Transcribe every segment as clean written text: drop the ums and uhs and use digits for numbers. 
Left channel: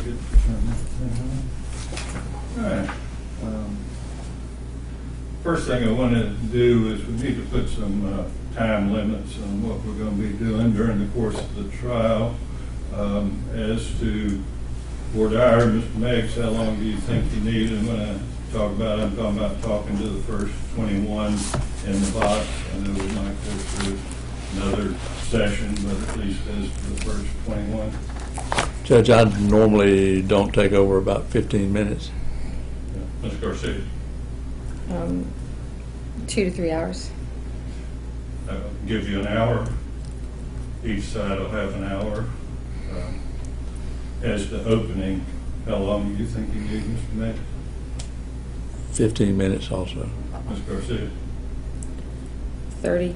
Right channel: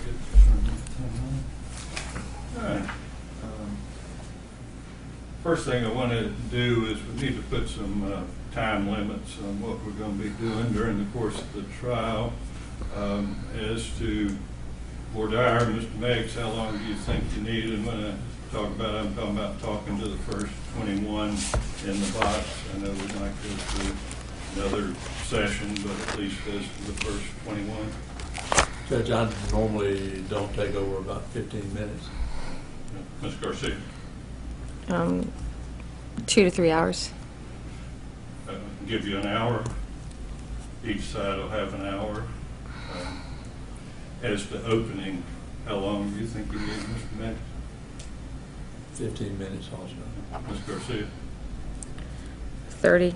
forget to turn that thing on. All right. First thing I wanted to do is we need to put some time limits on what we're going to be doing during the course of the trial. As to Board Dyer, Mr. Meggs, how long do you think you need? And when I talk about it, I'm talking about talking to the first 21 in the box. I know we might go through another session, but at least as to the first 21. Judge, I normally don't take over about 15 minutes. Ms. Garcia? 2 to 3 hours. I'll give you an hour. Each side will have an hour. As to opening, how long do you think you need, Mr. Meggs? 15 minutes also. Ms. Garcia? 30. Okay.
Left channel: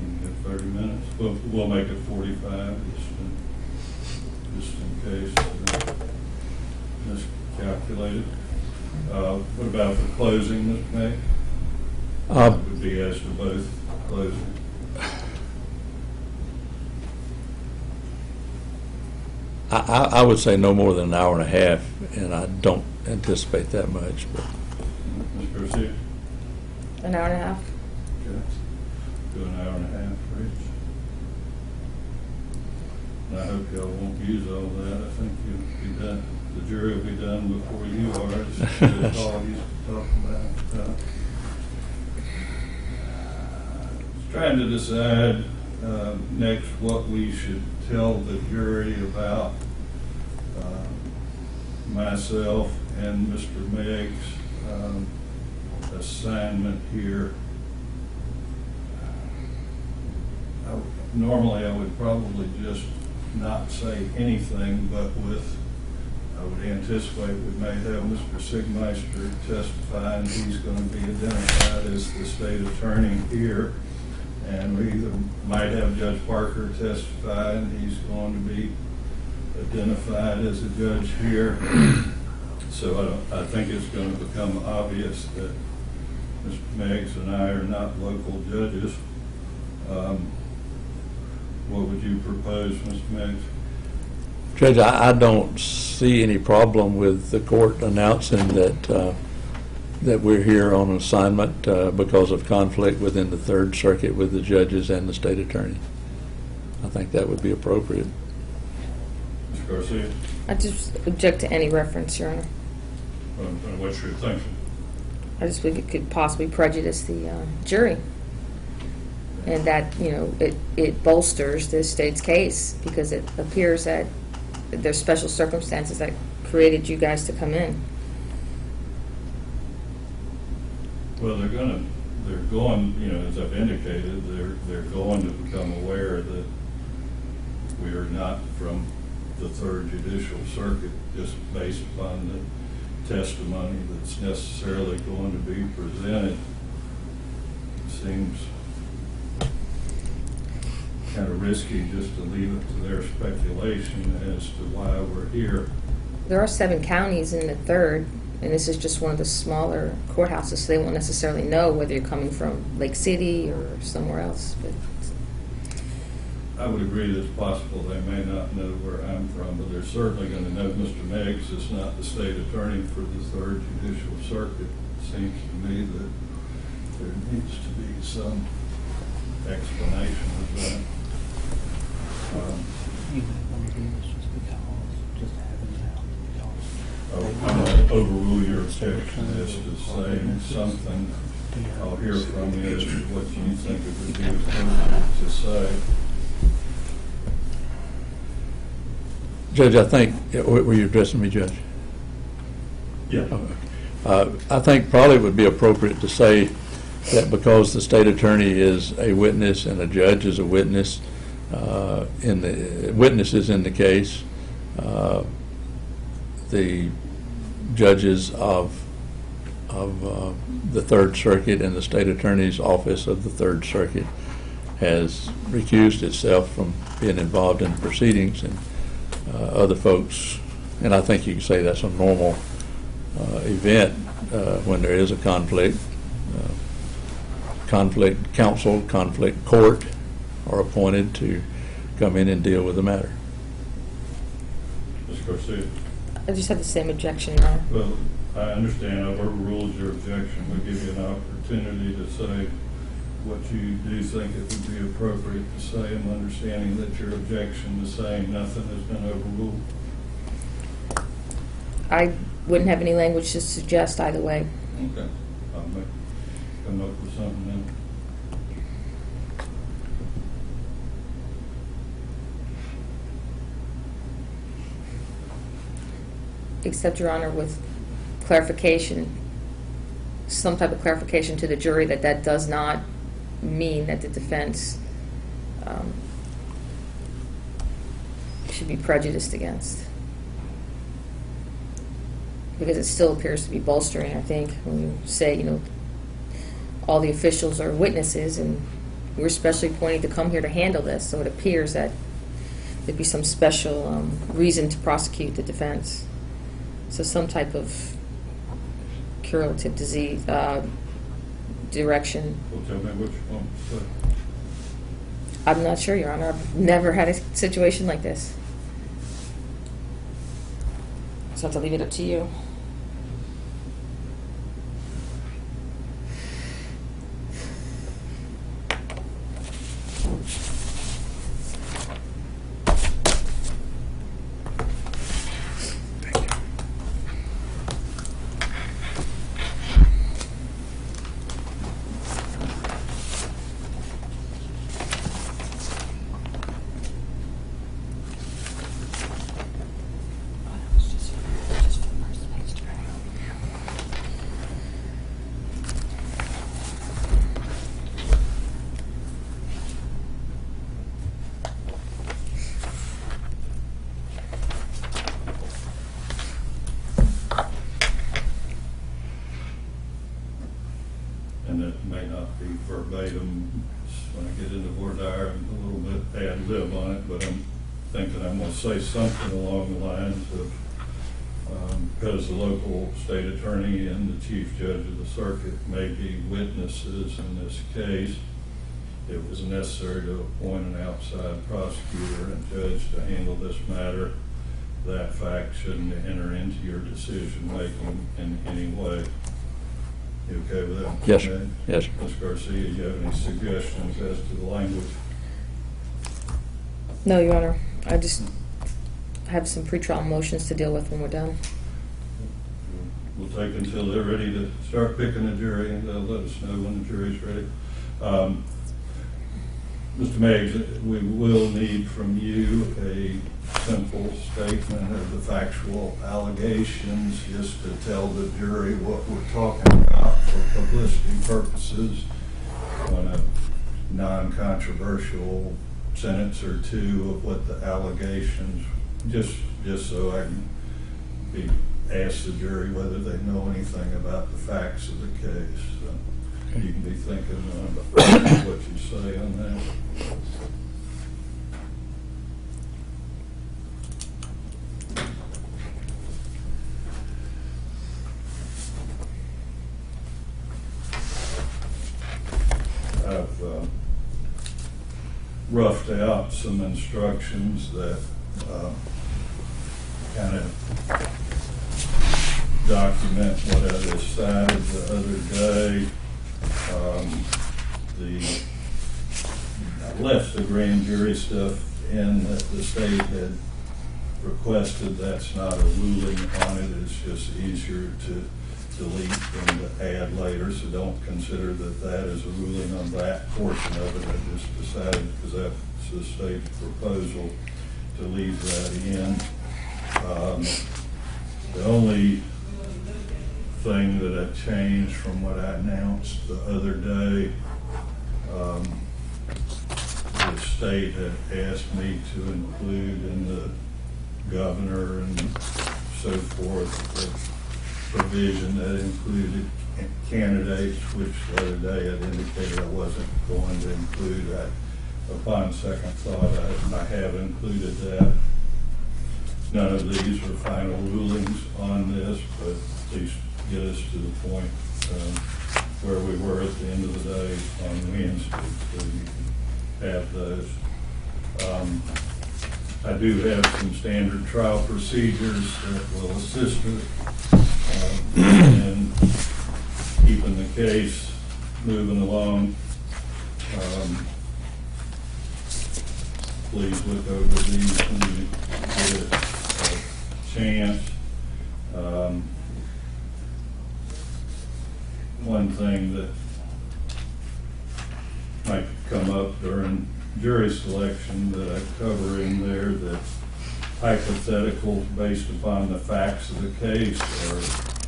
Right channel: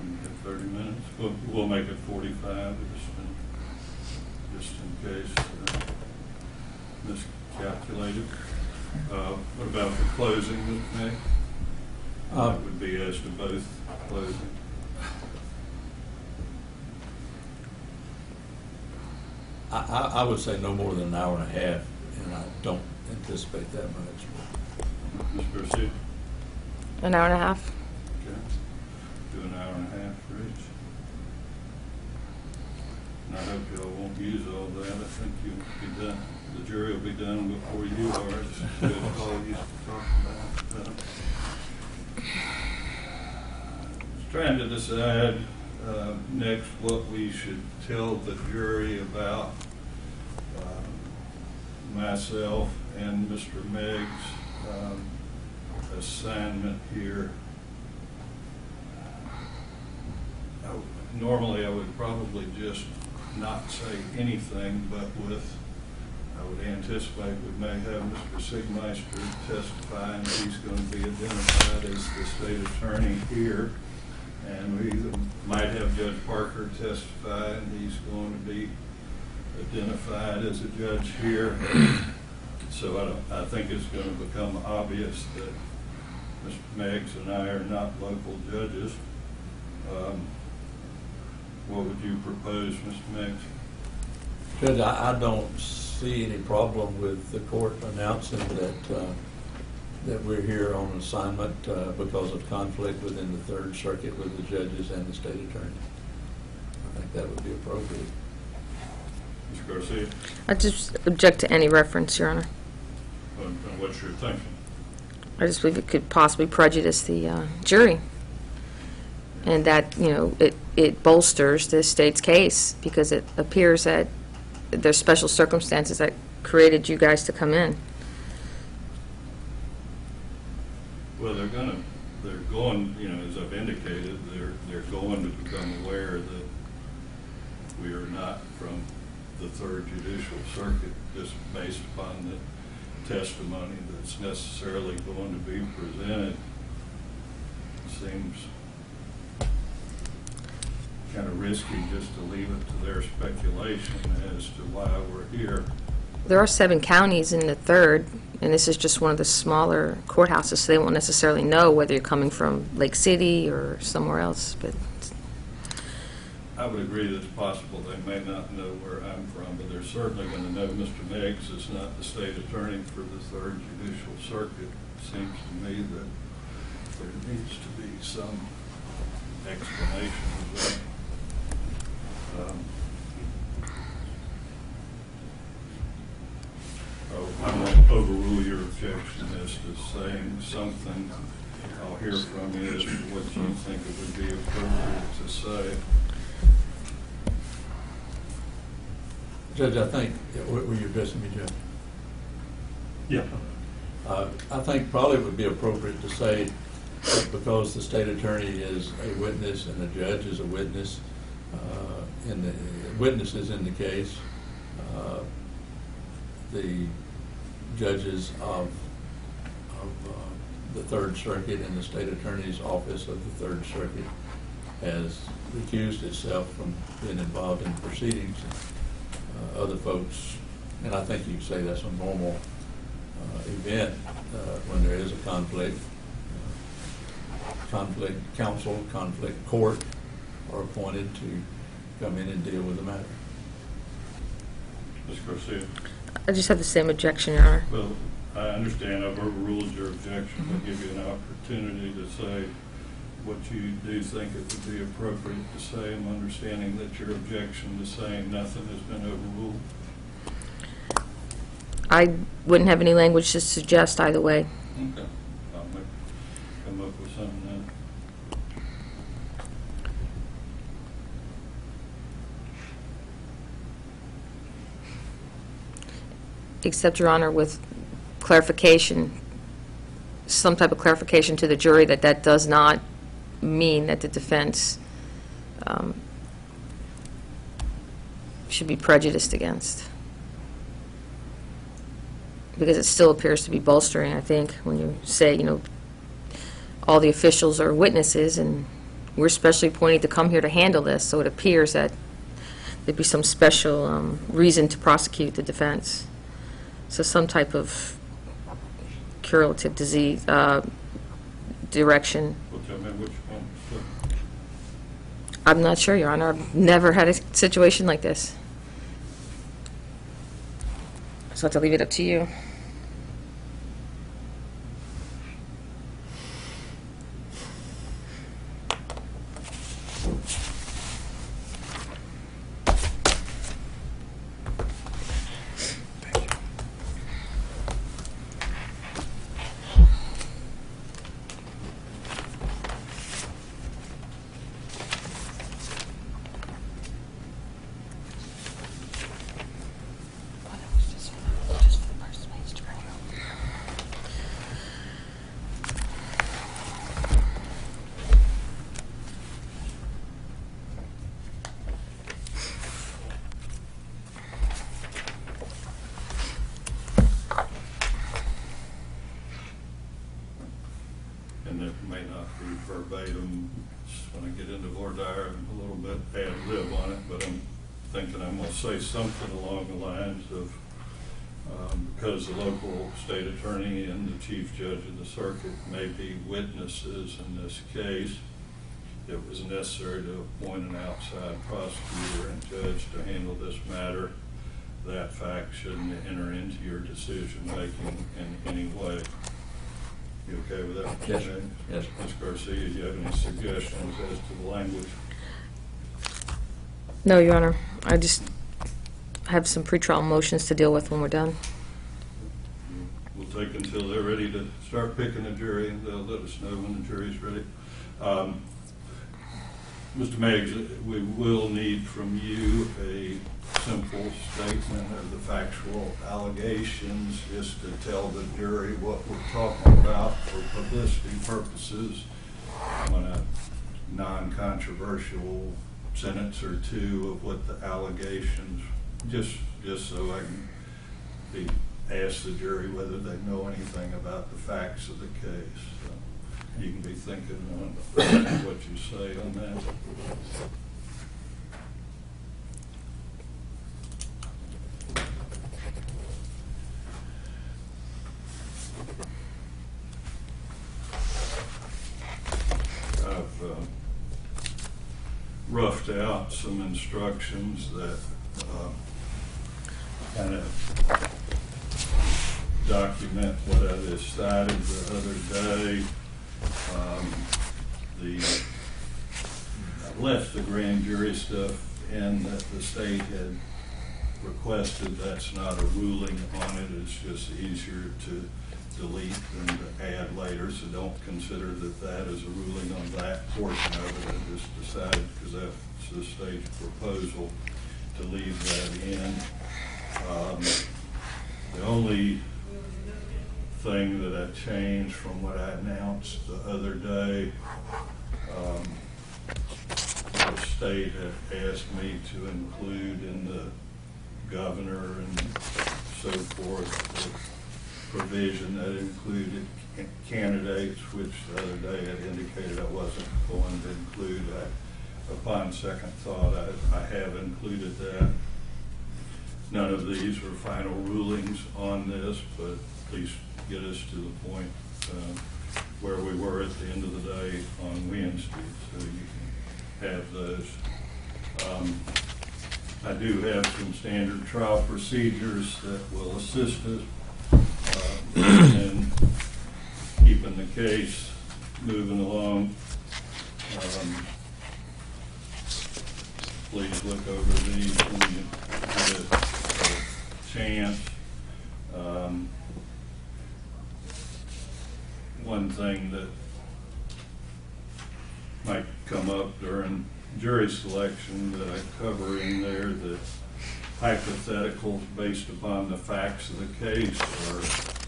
We can get 30 minutes. We'll make it 45 just in case miscalculated. What about the closing, Ms. May? That would be as to both closing. I would say no more than an hour and a half, and I don't anticipate that much. But. Ms. Garcia? An hour and a half. Okay. Do an hour and a half for each. And I hope y'all won't use all that. I think you'll be done. The jury will be done before you are. It's all you talk about. Trying to decide next what we should tell the jury about myself and Mr. Meggs' assignment here. Normally I would probably just not say anything, but I would anticipate we may have Mr. Sigmeister testify, and he's going to be identified as the state attorney here. And we either might have Judge Parker testify, and he's going to be identified as a judge here. So I think it's going to become obvious that Mr. Meggs and I are not local judges. What would you propose, Mr. Meggs? Judge, I don't see any problem with the court announcing that we're here on assignment because of conflict within the Third Circuit with the judges and the state attorney. I think that would be appropriate. Ms. Garcia? I just object to any reference, Your Honor. What's your thinking? I just believe it could possibly prejudice the jury. And that, you know, it bolsters the state's case because it appears that there's special circumstances that created you guys to come in. Well, they're going, you know, as I've indicated, they're going to become aware that we are not from the Third Judicial Circuit just based upon the testimony that's necessarily going to be presented. It seems kind of risky just to leave it to their speculation as to why we're here. There are 7 counties in the Third, and this is just one of the smaller courthouses, so they won't necessarily know whether you're coming from Lake City or somewhere else. But I would agree that it's possible they may not know where I'm from, but they're certainly going to know Mr. Meggs is not the state attorney for the Third Judicial Circuit. It seems to me that there needs to be some explanation of that. I'm going to overrule your objection as to saying something. I'll hear from you as to what you think it would be appropriate to say. Judge, I think, were you addressing me, Judge? Yeah. I think probably it would be appropriate to say that because the state attorney is a witness and a judge is a witness, witnesses in the case, the judges of the Third Circuit and the state attorney's office of the Third Circuit has recused itself from being involved in proceedings, and other folks, and I think you can say that's a normal event when there is a conflict. Conflict counsel, conflict court are appointed to come in and deal with the matter. Ms. Garcia? I just have the same objection, Your Honor. Well, I understand I've overruled your objection. We'll give you an opportunity to say what you do think it would be appropriate to say. I'm understanding that your objection is saying nothing has been overruled. I wouldn't have any language to suggest either way. Okay. I'll come up with something then. Except, Your Honor, with clarification, some type of clarification to the jury that that does not mean that the defense should be prejudiced against. Because it still appears to be bolstering, I think, when you say, you know, all the officials are witnesses and we're specially appointed to come here to handle this, so it appears that there'd be some special reason to prosecute the defense. So some type of curative disease direction. Well, tell me which one. So, I'm not sure, Your Honor. I've never had a situation like this. So I have to leave it up to you. and it may not be verbatim when I get into voir dire, a little bit ad lib on it, but I'm thinking I'm going to say something along the lines of, because the local state attorney and the chief judge of the circuit may be witnesses in this case, it was necessary to appoint an outside prosecutor and judge to handle this matter. That fact shouldn't enter into your decision-making in any way. You okay with that? Yes, sir. Okay. Yes, sir. Ms. Garcia, do you have any suggestions as to the language? No, Your Honor. I just have some pretrial motions to deal with when we're done. We'll take until they're ready to start picking a jury, and they'll let us know when the jury's ready. Mr. Meggs, we will need from you a simple statement of the factual allegations, just to tell the jury what we're talking about for publicity purposes on a non-controversial sentence or two of what the allegations, just so I can ask the jury whether they know anything about the facts of the case. So you can be thinking about what you say on that. I've roughed out some instructions that kind of document what I decided the other day. I left the grand jury stuff in that the state had requested. That's not a ruling on it. It's just easier to delete than to add later, so don't consider that that is a ruling on that portion of it. I just decided, because that's the state's proposal, to leave that in. The only thing that I changed from what I announced the other day, the state had asked me to include in the governor and so forth the provision that included candidates, which the other day had indicated I wasn't going to include. Upon second thought, I have included that. None of these are final rulings on this, but at least get us to the point where we were at the end of the day on Wednesday, so you can have those. I do have some standard trial procedures that will assist us in keeping the case moving along. Please look over these when you get a chance. One thing that might come up during jury selection that I cover in there, that hypotheticals based upon the facts of the case are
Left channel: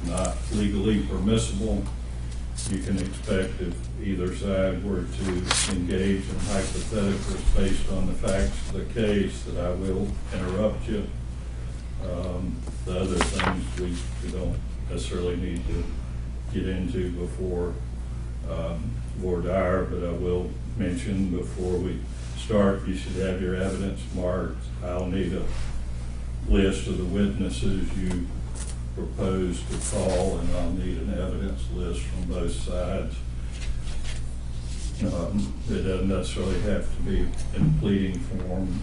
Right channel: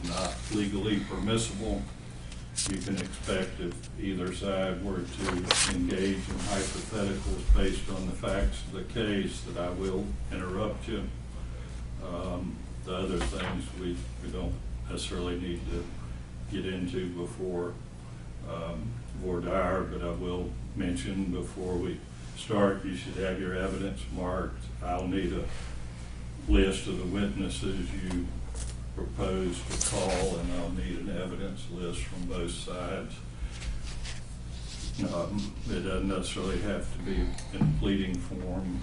not legally permissible. You can expect if either side were to engage in hypotheticals based on the facts of the case that I will interrupt you. The other things we don't necessarily need to get into before voir dire, but I will mention before we start, you should have your evidence marked. I'll need a list of the witnesses you propose to call, and I'll need an evidence list from both sides. It doesn't necessarily have to be in pleading form.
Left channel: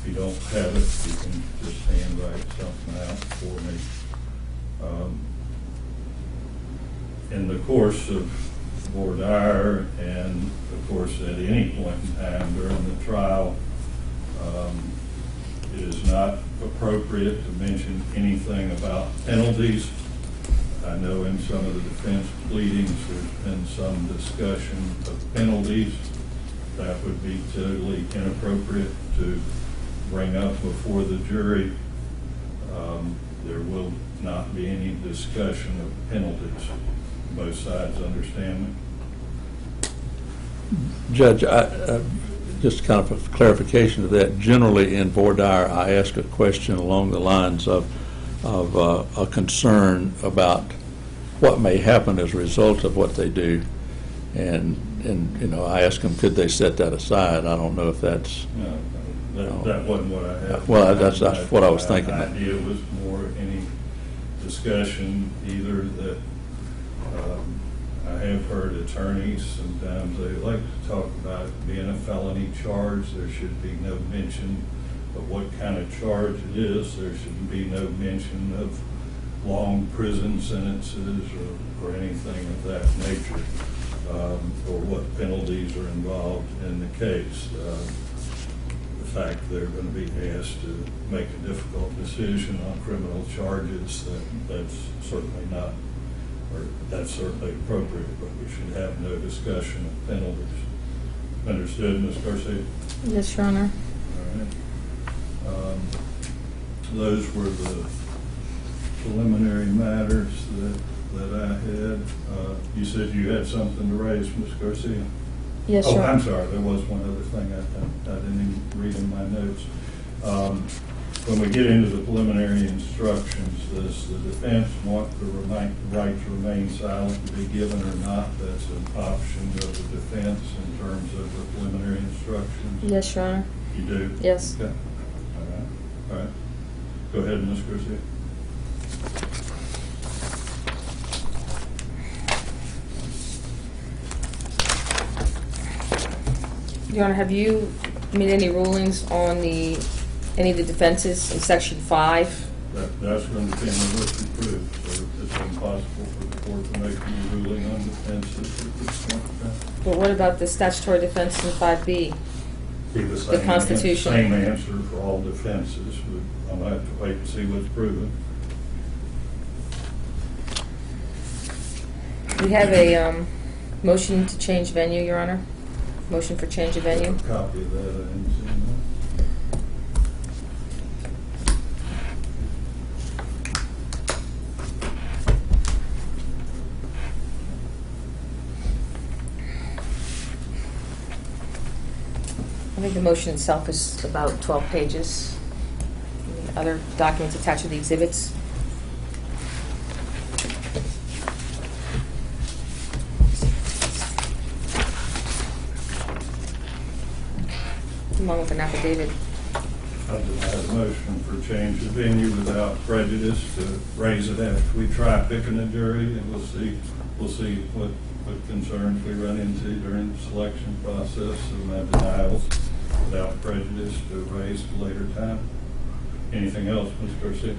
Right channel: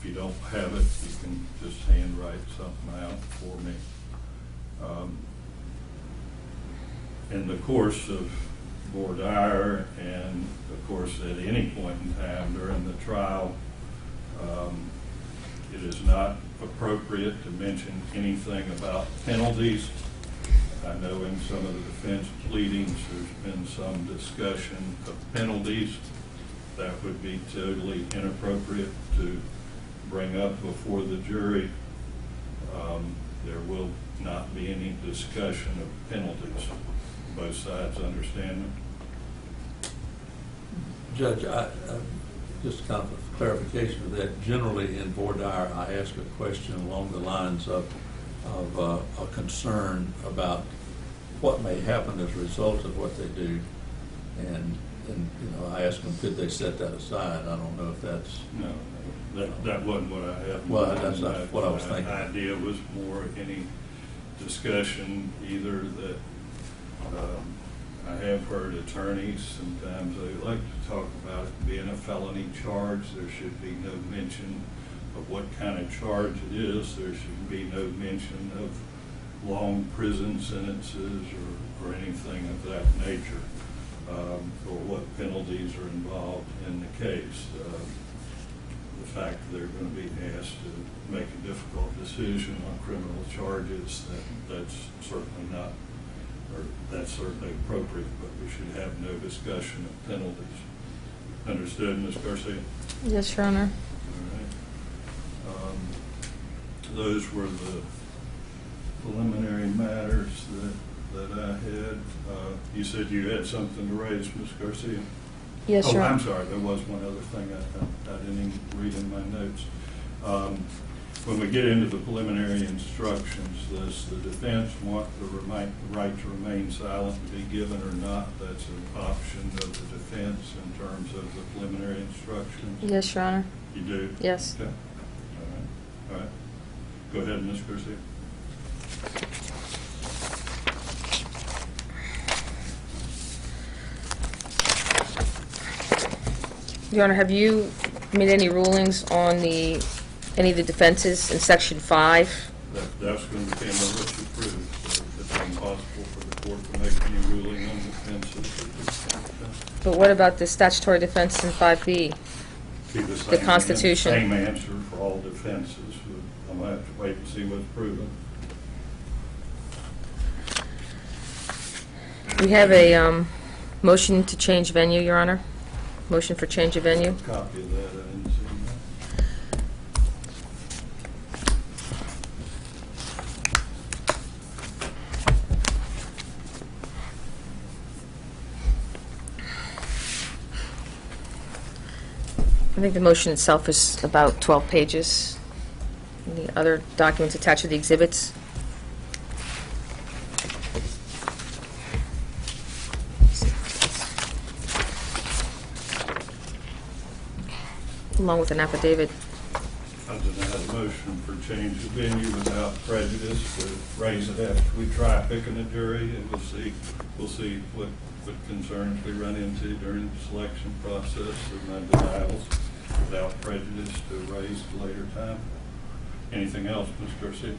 If you don't have it, you can just handwrite something out for me. In the course of voir dire, and of course at any point in time during the trial, it is not appropriate to mention anything about penalties. I know in some of the defense pleadings there's been some discussion of penalties. That would be totally inappropriate to bring up before the jury. There will not be any discussion of penalties. Both sides understand me? Judge, just kind of a clarification of that. Generally in voir dire, I ask a question along the lines of a concern about what may happen as a result of what they do, and you know, I ask them, could they set that aside? I don't know if that's. No, that wasn't what I had. Well, that's what I was thinking. My idea was more any discussion, either that I have heard attorneys, sometimes they like to talk about it being a felony charge. There should be no mention of what kind of charge it is. There should be no mention of long prison sentences or anything of that nature, or what penalties are involved in the case. The fact they're going to be asked to make a difficult decision on criminal charges, that's certainly not, or that's certainly appropriate, but we should have no discussion of penalties. Understood, Ms. Garcia? Yes, Your Honor. All right. Those were the preliminary matters that I had. You said you had something to raise, Ms. Garcia? Yes, Oh, Your Honor. I'm sorry, there was one other thing I didn't even read in my notes. When we get into the preliminary instructions, does the defense want the right to remain silent to be given or not? That's an option of the defense in terms of the preliminary instructions? Yes, Your Honor. You do? Yes. Okay. All right. Go ahead, Ms. Garcia. Your Honor, have you made any rulings on any of the defenses in Section 5? That's going to depend on what you prove, so it's impossible for the court to make any ruling on defenses at this point in time. But what about the statutory defense in 5B? Be the same Constitution. Same answer for all defenses. I'm going to have to wait and see what's proven. We have a motion to change venue, Your Honor. Motion for change of I venue. have a copy of that. I didn't see that. I think the motion itself is about 12 pages. The other documents attached to the exhibits. Along with an affidavit. I deny the motion for change of venue without prejudice to raise it after we try picking a jury, and we'll see what concerns we run into during the selection process of my denials. without prejudice to raise at a later time. Anything else, Ms. Garcia?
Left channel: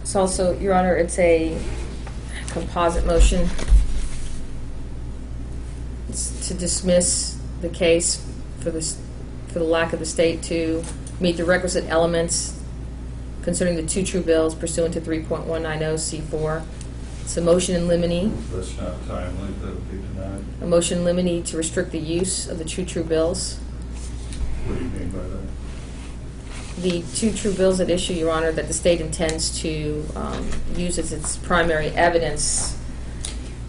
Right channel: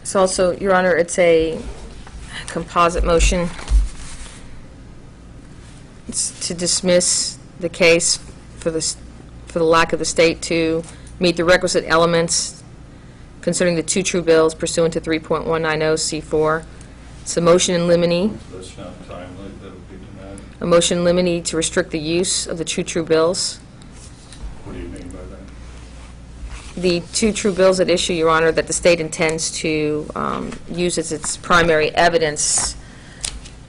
It's also, Your Honor, it's a composite motion. It's to dismiss the case for the lack of the state to meet the requisite elements concerning the two true bills pursuant to 3.190C4. It's a motion in limine, That's not timely, that would be denied. a motion in limine to restrict the use of the two true bills. What do you mean by that? The two true bills at issue, Your Honor, that the state intends to use as its primary evidence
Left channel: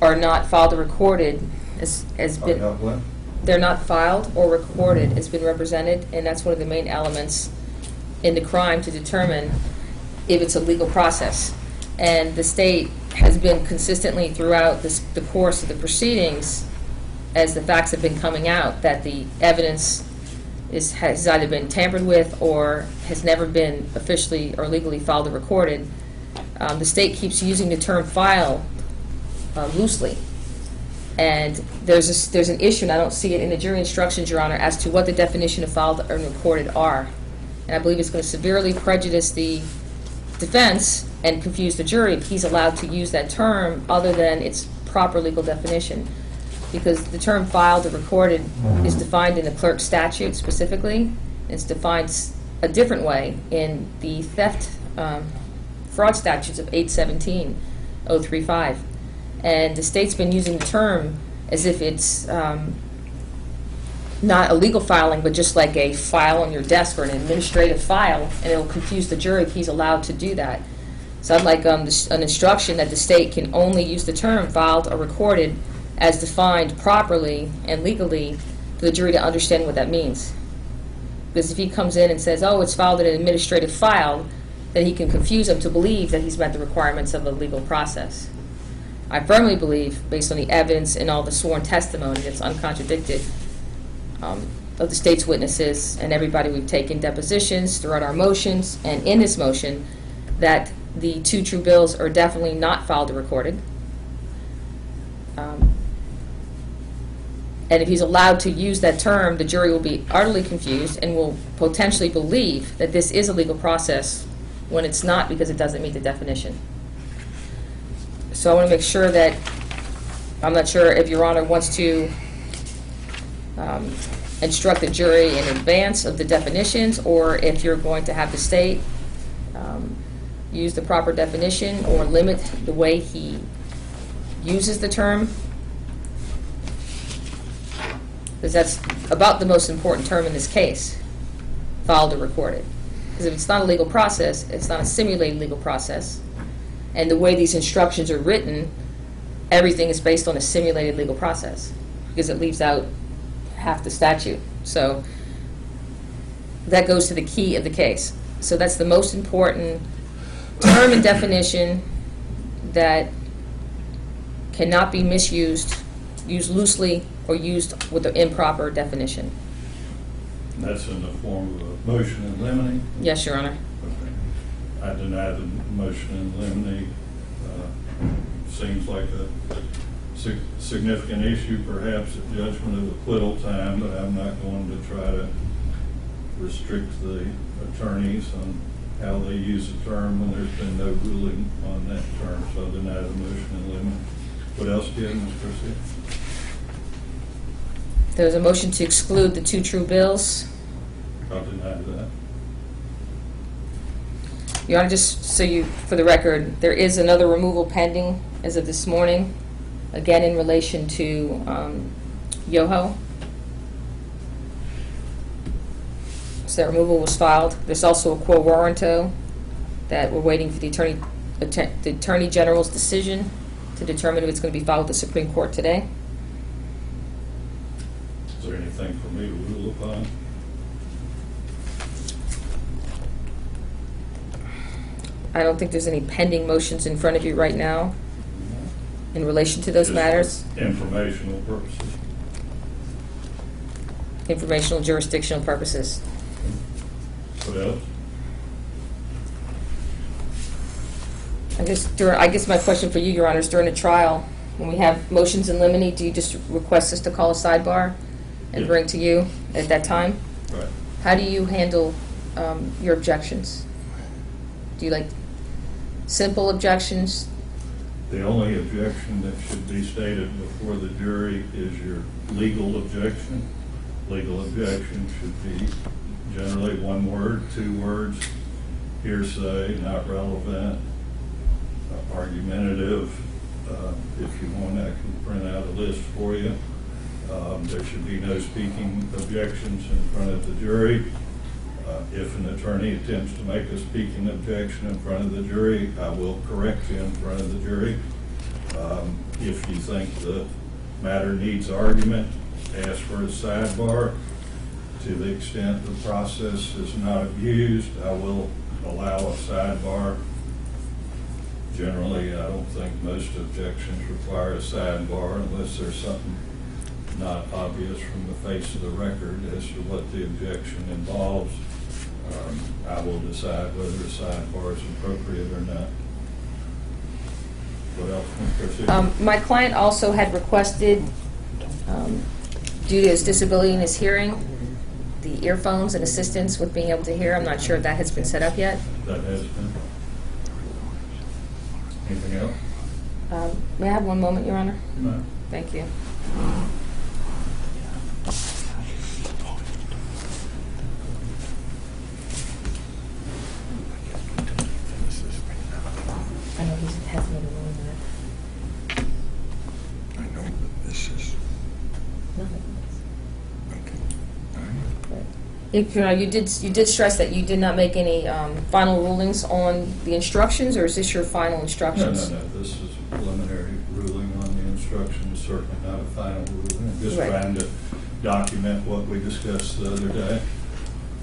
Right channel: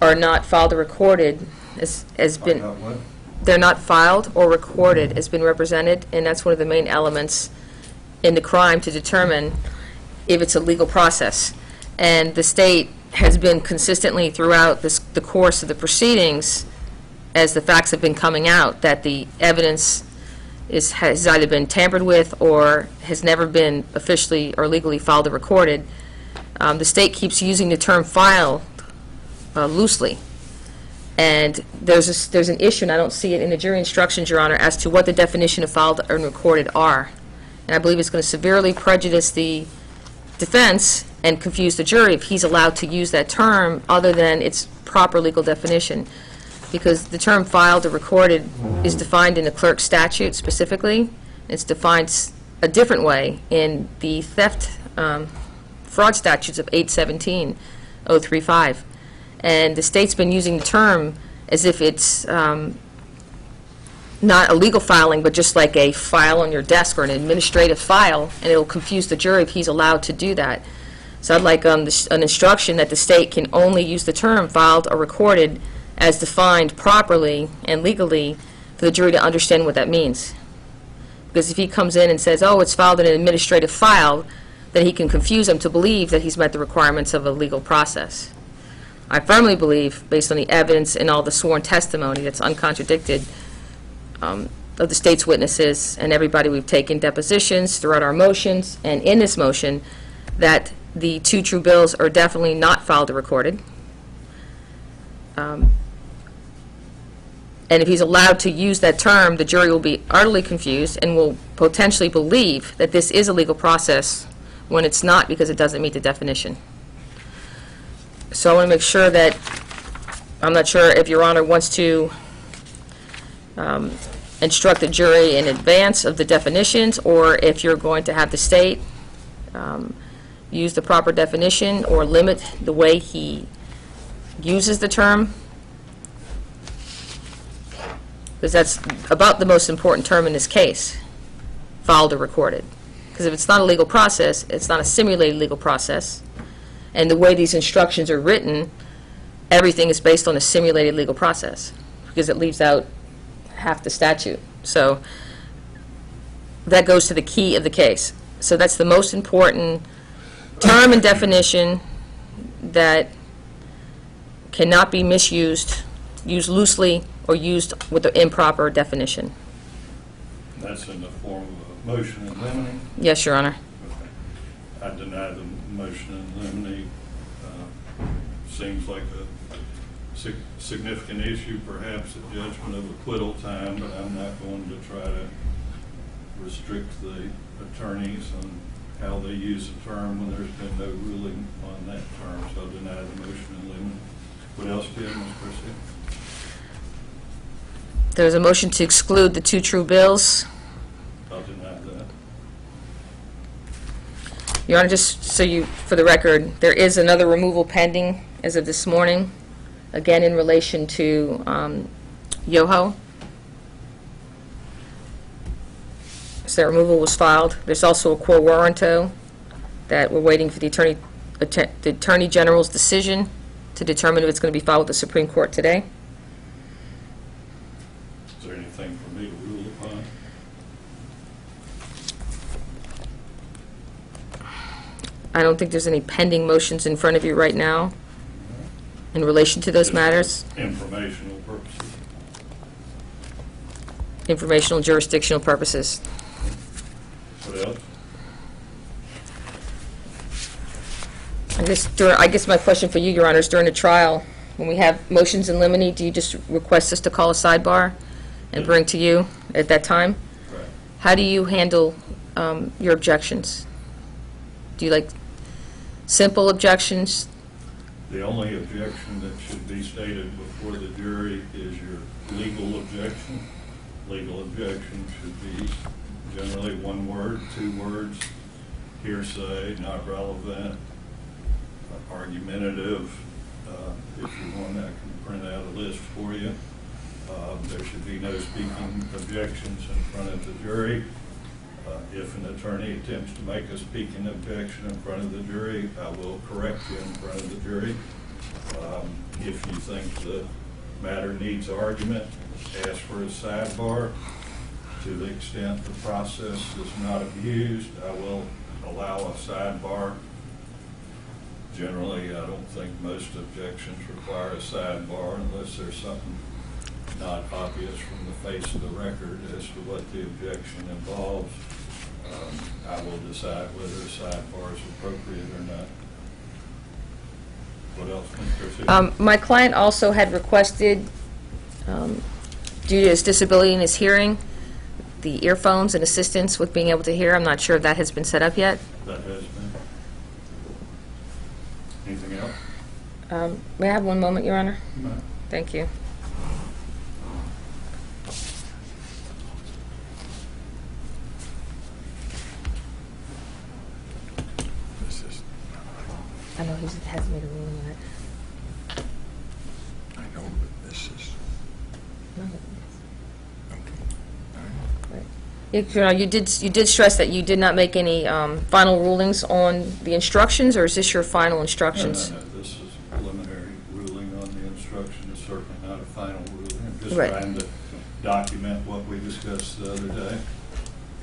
are not filed or recorded, as Are been... not what? They're not filed or recorded as been represented, and that's one of the main elements in the crime to determine if it's a legal process. And the state has been consistently throughout the course of the proceedings, as the facts have been coming out, that the evidence has either been tampered with or has never been officially or legally filed or recorded. The state keeps using the term file loosely. And there's an issue, and I don't see it in the jury instructions, Your Honor, as to what the definition of filed and recorded are. And I believe it's going to severely prejudice the defense and confuse the jury if he's allowed to use that term other than its proper legal definition. Because the term filed or recorded is defined in the clerk statute specifically. It's defined a different way in the theft, fraud statutes of 817-035. And the state's been using the term as if it's not a legal filing, but just like a file on your desk or an administrative file, and it'll confuse the jury if he's allowed to do that. So I'd like an instruction that the state can only use the term filed or recorded as defined properly and legally for the jury to understand what that means. Because if he comes in and says, oh, it's filed in an administrative file, then he can confuse them to believe that he's met the requirements of a legal process. I firmly believe, based on the evidence and all the sworn testimony that's uncontradicted of the state's witnesses and everybody we've taken depositions throughout our motions and in this motion, that the two true bills are definitely not filed or recorded. And if he's allowed to use that term, the jury will be utterly confused and will potentially believe that this is a legal process when it's not, because it doesn't meet the definition. So I want to make sure that, I'm not sure if Your Honor wants to instruct the jury in advance of the definitions, or if you're going to have the state use the proper definition or limit the way he uses the term. Because that's about the most important term in this case, filed or recorded. Because if it's not a legal process, it's not a simulated legal process. And the way these instructions are written, everything is based on a simulated legal process, because it leaves out half the statute. So that goes to the key of the case. So that's the most important term and definition that cannot be misused, used loosely, or used with the improper definition. That's in the form of a motion in limine? Yes, Your Honor. Okay. I deny the motion in limine. Seems like a significant issue, perhaps at judgment of acquittal time, but I'm not going to try to restrict the attorneys on how they use the term when there's been no ruling on that term, so I deny the motion in limine. What else do you have, Ms. Garcia? There's a motion to exclude the two true bills. I'll deny that. Your Honor, just so you, for the record, there is another removal pending as of this morning, again in relation to Yoho. So that removal was filed. There's also a quo warranto that we're waiting for the Attorney General's decision to determine if it's going to be filed with the Supreme Court today. Is there anything for me to rule upon? I don't think there's any pending motions in front of you right now in relation to those Just for matters. informational purposes. Informational jurisdictional purposes. What else? I guess my question for you, Your Honor, is during the trial, when we have motions in limine, do you just request us to call a sidebar and Yeah. bring to you at that time? Right. How do you handle your objections? Do you like simple objections? The only objection that should be stated before the jury is your legal objection. Legal objection should be generally one word, 2 words, hearsay, not relevant, argumentative. If you want, I can print out a list for you. There should be no speaking objections in front of the jury. If an attorney attempts to make a speaking objection in front of the jury, I will correct you in front of the jury. If you think the matter needs argument, ask for a sidebar. To the extent the process is not abused, I will allow a sidebar. Generally, I don't think most objections require a sidebar unless there's something not obvious from the face of the record as to what the objection involves. I will decide whether a sidebar is appropriate or not. What else can proceed? My client also had requested, due to his disability in his hearing, the earphones and assistance with being able to hear. I'm not sure if that has been set up yet. That has been. Anything else? May I have one moment, Your Honor? No. Thank you. I know he has made a ruling that. I know, but this is, okay. You did stress that you did not make any final rulings on the instructions, or is this your final instructions? No, this is a preliminary ruling on the instructions, certainly not a final ruling. I'm just Right. trying to document what we discussed the other day.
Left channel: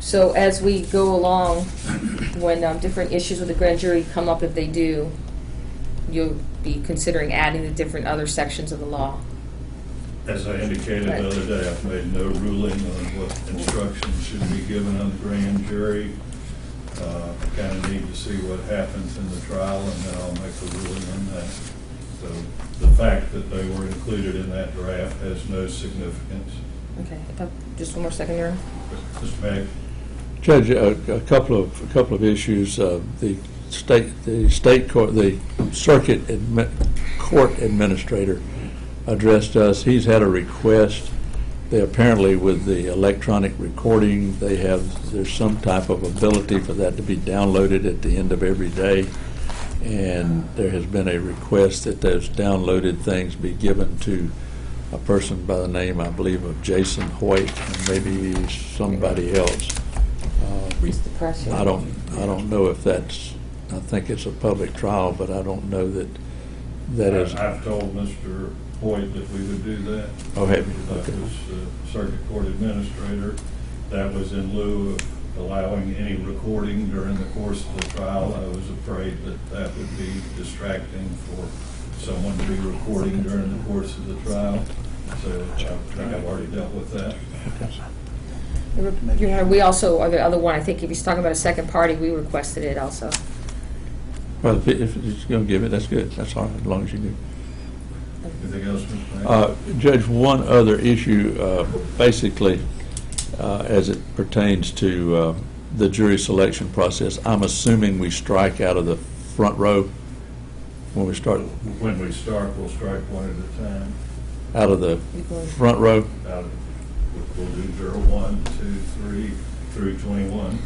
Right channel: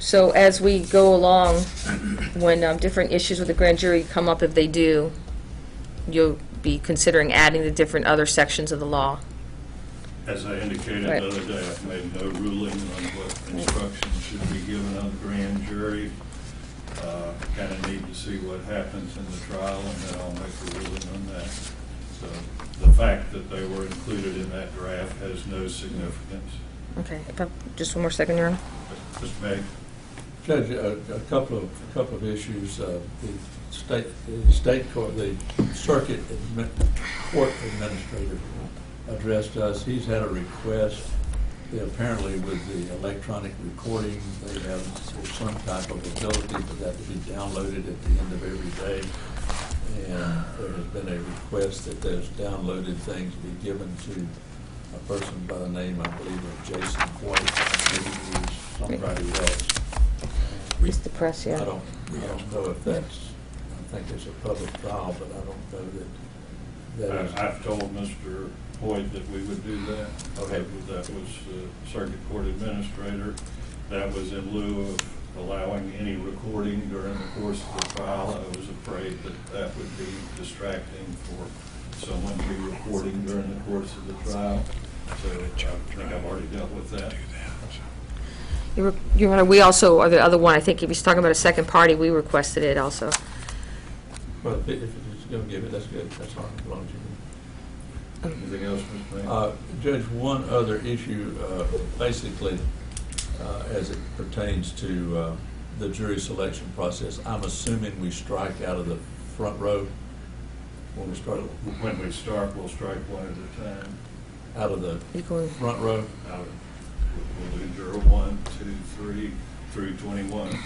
So as we go along, when different issues with the grand jury come up, if they do, you'll be considering adding the different other sections of the law? As I indicated Right. the other day, I've made no ruling on what instructions should be given on the grand jury. I kind of need to see what happens in the trial, and then I'll make a ruling on that. So the fact that they were included in that draft has no significance. Okay, just one more second, Your Honor. Mr. May? Judge, a couple of issues. The state court, the court administrator addressed us. He's had a request. They apparently, with the electronic recording, there's some type of ability for that to be downloaded at the end of every day. And there has been a request that those downloaded things be given to a person by the name, I believe, of Jason Hoyt, maybe somebody else. It's the press, yeah. I don't know if that's, I think it's a public trial, but I don't know that is. I've told Mr. Hoyt that we would do that. Oh, have you? That was the circuit court administrator. That was in lieu of allowing any recording during the course of the trial. I was afraid that that would be distracting for someone to be recording during the course of the trial. So I think I've already dealt with that. Your Honor, we also, or the other one, I think if he's talking about a second party, we requested it also. Well, if he's going to give it, that's good. That's all right, as long as you do. Anything else, Mr. Mayor? Judge, one other issue, basically, as it pertains to the jury selection process, I'm assuming we strike out of the front row when we start, When we start, we'll strike one at a time. out of the front row. We'll do 0, 1, 2, 3 through 21.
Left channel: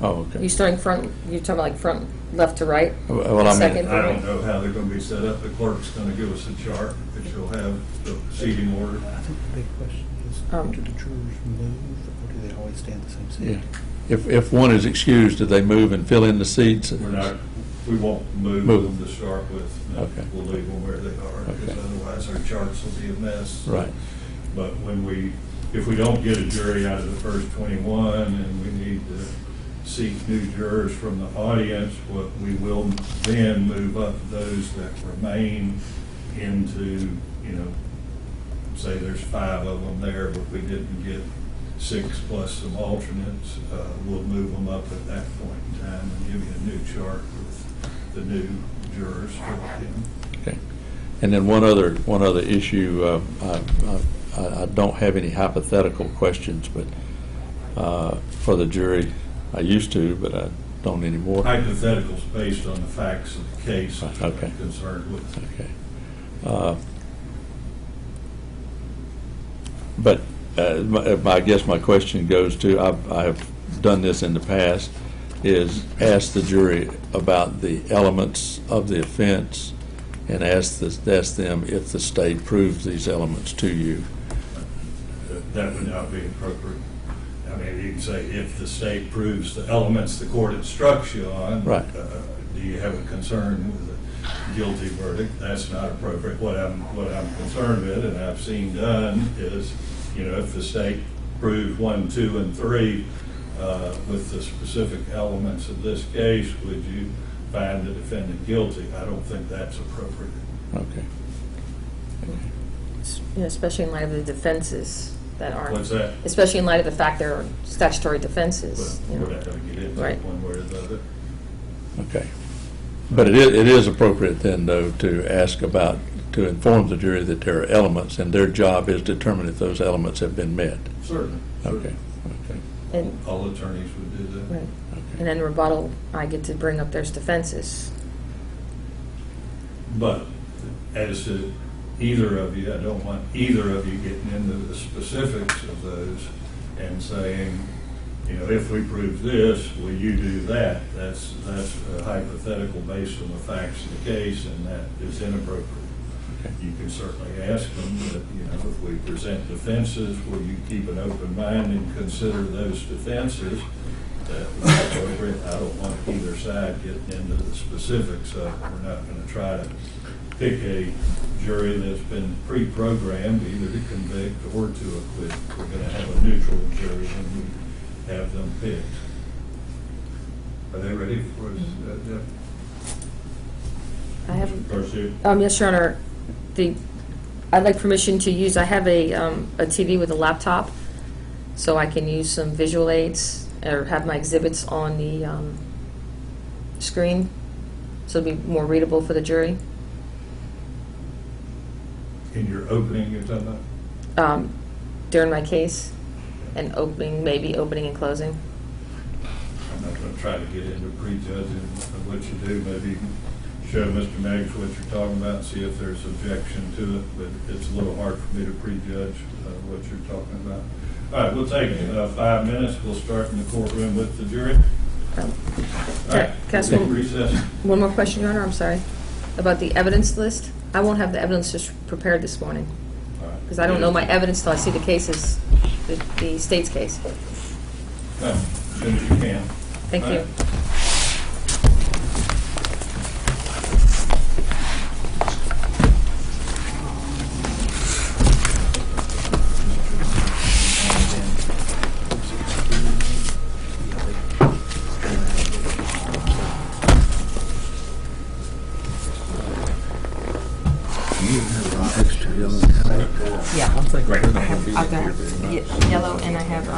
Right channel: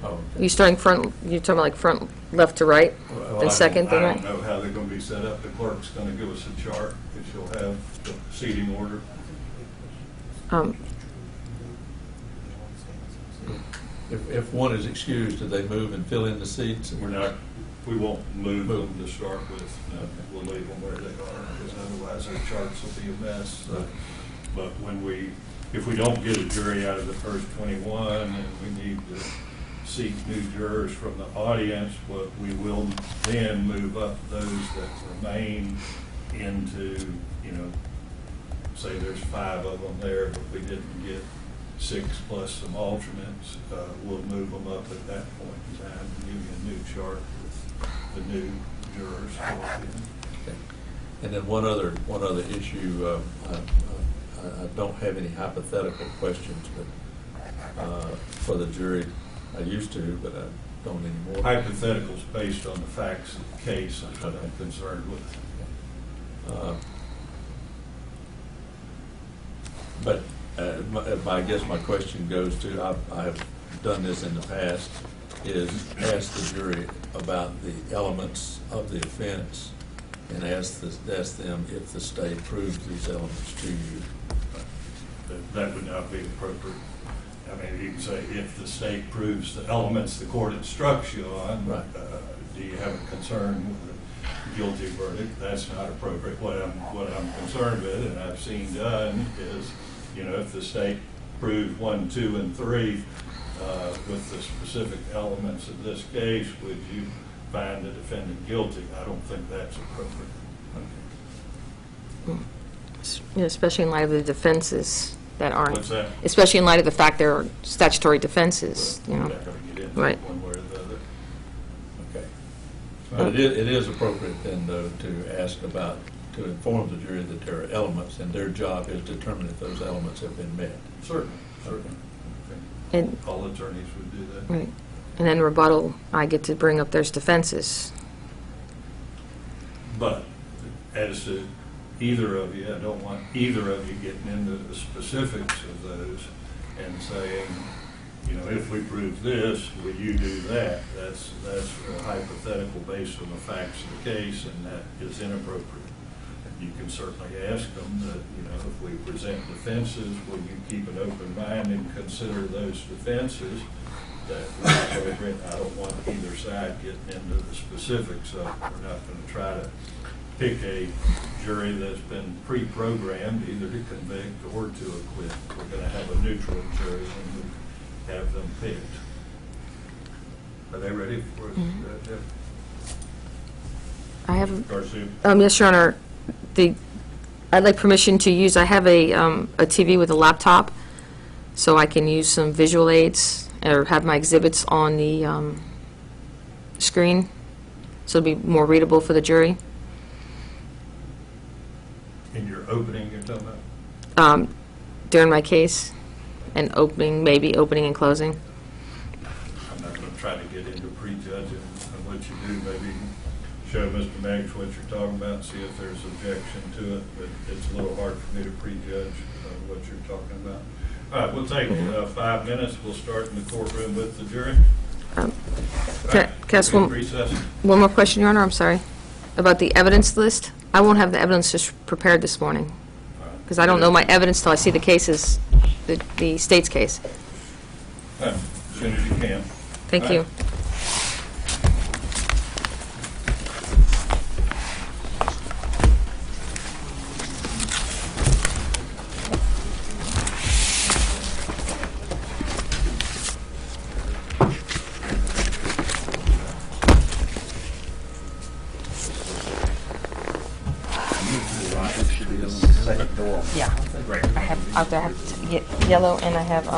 Oh, okay. You starting front, you're talking about like front left to right? Well, And I mean, second to I right? don't know how they're going to be set up. The clerk's going to give us a chart that she'll have the seating order. I think the big question is, Um, do the jurors move, or do they always stay in the same seat? Yeah. If one is excused, do they move and fill in the seats? We won't move Move. them to start with. No, Okay. We'll leave them where they are, because Okay. otherwise our charts will be a mess. Right. But if we don't get a jury out of the first 21 and we need to seek new jurors from the audience, what we will then move up those that remain into, say there's 5 of them there, but we didn't get 6 plus some alternates, we'll move them up at that point in time and give you a new chart with the new jurors filled in. Okay. And then one other issue, I don't have any hypothetical questions, but for the jury, I used to, but I don't anymore. Hypotheticals based on the facts of the case that Okay. I'm concerned with. Okay. But I guess my question goes to, I have done this in the past, is ask the jury about the elements of the offense and ask them if the state proves these elements to you. That would not be appropriate. I mean, you can say, if the state proves the elements the court instructs you on. Right. Do you have a concern with a guilty verdict? That's not appropriate. What I'm concerned with, and I've seen done, is, if the state proved 1, 2, and 3 with the specific elements of this case, would you find the defendant guilty? I don't think that's appropriate. Okay. Especially in light of the defenses that aren't. What's that? Especially in light of the fact there are statutory defenses, We're not going to get into Right. it one way or the other. Okay. But it is appropriate then, though, to inform the jury that there are elements, and their job is to determine if those elements have been met. Certainly. Okay. Okay. And, All attorneys would do that. right. And then rebuttal, I get to bring up there's defenses. But as to either of you, I don't want either of you getting into the specifics of those and saying, if we prove this, will you do that? That's a hypothetical based on the facts of the case, and that is inappropriate. You can certainly ask them that, if we present defenses, will you keep an open mind and consider those defenses? That would be appropriate. I don't want either side getting into the specifics of, we're not going to try to pick a jury that's been pre-programmed either to convict or to acquit. We're going to have a neutral jury when we have them picked. Are they ready for us? Deb? I have, Garcia? yes, Your Honor, I'd like permission to use, I have a TV with a laptop, so I can use some visual aids or have my exhibits on the screen, so it'll be more readable for the jury. In your opening, you're talking about? During my case, and maybe opening and closing. I'm not going to try to get into prejudging of what you do. Maybe you can show Mr. Meggs what you're talking about, see if there's objection to it, but it's a little hard for me to prejudge what you're talking about. All right, we'll take 5 minutes. We'll start in the courtroom with the jury. Can Right, I ask we'll recess. one more question, Your Honor? I'm sorry. About the evidence list. I won't have the evidence just prepared this morning, All right. because I don't know my evidence till I see the cases, the state's case. As soon as you can. Thank All you. right. Extra yellow hammer. Yeah. I have yellow, and I have